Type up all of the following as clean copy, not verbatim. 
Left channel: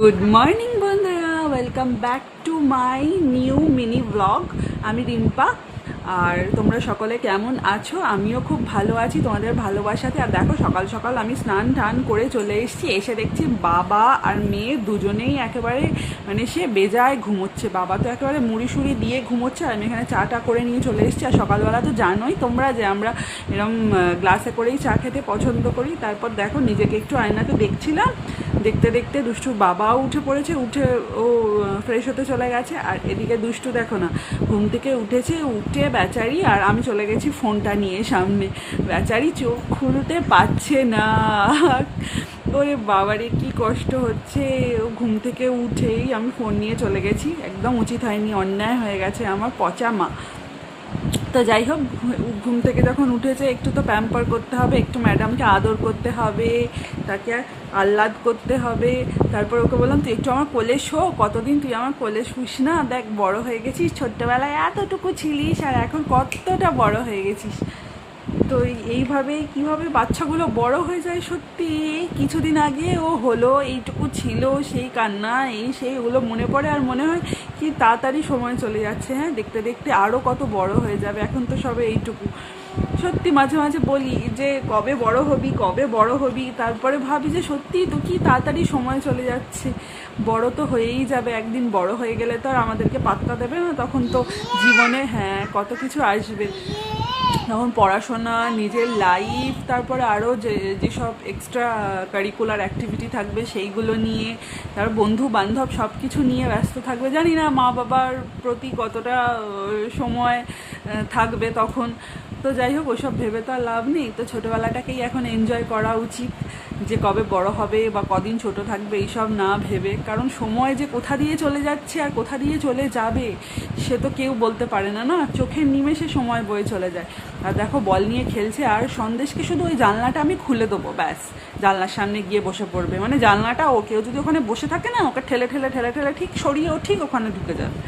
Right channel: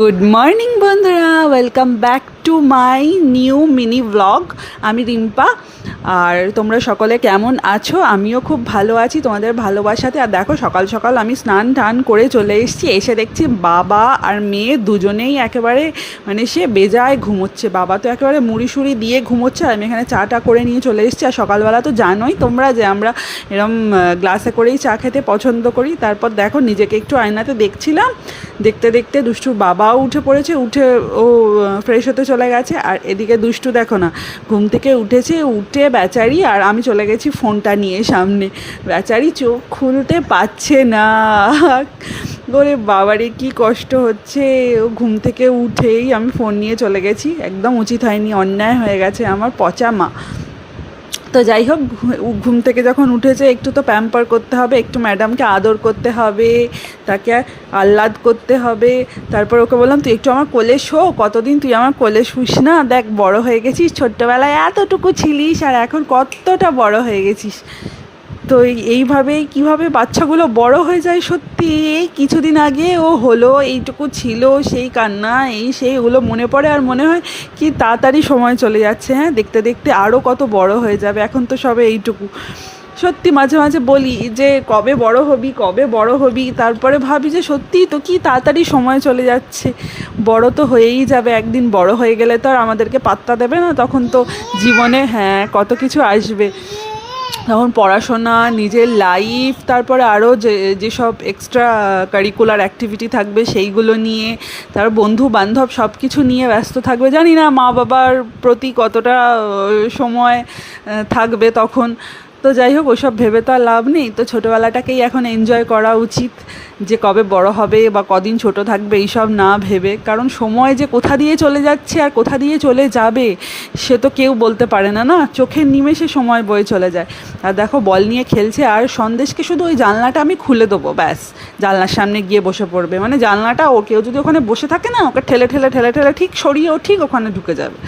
Good morning বন্ধুরা, welcome back to my new mini blog. আমি রিম্পা, আর তোমরা সকলে কেমন আছো? আমিও খুব ভালো আছি তোমাদের ভালোবাসাতে। আর দেখো, সকাল সকাল আমি স্নান টান করে চলে এসেছি। এসে দেখছি বাবা আর মেয়ে দুজনেই একেবারে সে বেজায় ঘুমোচ্ছে। বাবা তো একেবারে মুড়ি সুড়ি দিয়ে ঘুমোচ্ছে, আর আমি এখানে চাটা করে নিয়ে চলে এসেছি। আর সকালবেলা তো জানোই তোমরা যে আমরা এরম গ্লাসে করেই চা খেতে পছন্দ করি। তারপর দেখো, নিজেকে একটু আয়নাতে দেখছিলাম, দেখতে দেখতে দুষ্টুর বাবাও উঠে পড়েছে, উঠে ও ফ্রেশ হতে চলে গেছে। আর এদিকে দুষ্টু দেখো না, ঘুম থেকে উঠেছে, উঠে বেচারি, আর আমি চলে গেছি ফোনটা নিয়ে সামনে। বেচারি চোখ খুলতে পারছে না। ওরে বাবারে, কি কষ্ট হচ্ছে। ও ঘুম থেকে উঠেই আমি ফোন নিয়ে চলে গেছি। একদম উচিত হয়নি, অন্যায় হয়ে গেছে আমার পচা মা। তো যাই হোক, ঘুম থেকে যখন উঠেছে একটু তো প্যাম্পার করতে হবে, একটু ম্যাডামকে আদর করতে হবে, তাকে আহ্লাদ করতে হবে। তারপর ওকে বললাম, তুই একটু আমার কোলে শো, কতদিন তুই আমার কোলে শুস না, দেখ বড় হয়ে গেছিস, ছোট্টবেলায় এতটুকু ছিলিস আর এখন কতটা বড় হয়ে গেছিস। তো এইভাবেই কীভাবে বাচ্চাগুলো বড় হয়ে যায় সত্যি। এই কিছুদিন আগে ও হলো, এইটুকু ছিল, সেই কান্না, এই সেই, ওগুলো মনে পড়ে আর মনে হয় কি তাড়াতাড়ি সময় চলে যাচ্ছে। হ্যাঁ, দেখতে দেখতে আরও কত বড় হয়ে যাবে, এখন তো সবে এইটুকু। সত্যি মাঝে মাঝে বলি যে কবে বড় হবি, কবে বড় হবি, তারপরে ভাবি যে সত্যিই তো কি তাড়াতাড়ি সময় চলে যাচ্ছে। বড় তো হয়েই যাবে একদিন, বড় হয়ে গেলে তো আর আমাদেরকে পাত্তা দেবে না, তখন তো জীবনে হ্যাঁ কত কিছু আসবে। তখন পড়াশোনা, নিজের লাইফ, তারপরে আরও যেসব এক্সট্রা কারিকুলার অ্যাক্টিভিটি থাকবে সেইগুলো নিয়ে, তারপর বন্ধু বান্ধব সব কিছু নিয়ে ব্যস্ত থাকবে। জানি না মা বাবার প্রতি কতটা সময় থাকবে তখন। তো যাই হোক, ওসব ভেবে তো আর লাভ নেই। তো ছোটোবেলাটাকেই এখন এনজয় করা উচিত, যে কবে বড় হবে বা কদিন ছোট থাকবে এইসব না ভেবে। কারণ সময় যে কোথা দিয়ে চলে যাচ্ছে আর কোথা দিয়ে চলে যাবে সে তো কেউ বলতে পারে না, না, চোখের নিমেষে সময় বয়ে চলে যায়। আর দেখো, বল নিয়ে খেলছে, আর সন্দেশকে শুধু ওই জানলাটা আমি খুলে দেবো, ব্যাস জানলার সামনে গিয়ে বসে পড়বে। জানলাটা, ও কেউ যদি ওখানে বসে থাকে না, ওকে ঠেলে ঠেলে ঠেলে ঠেলে ঠিক সরিয়ে ও ঠিক ওখানে ঢুকে যাবে।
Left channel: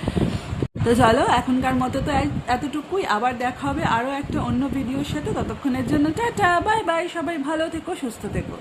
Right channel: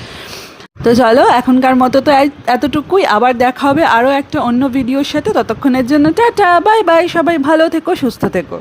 তো চলো, এখনকার মতো তো এতটুকুই। আবার দেখা হবে আরও একটা অন্য ভিডিওর সাথে। ততক্ষণের জন্য টাটা, বাই বাই, সবাই ভালো থেকো, সুস্থ থেকো।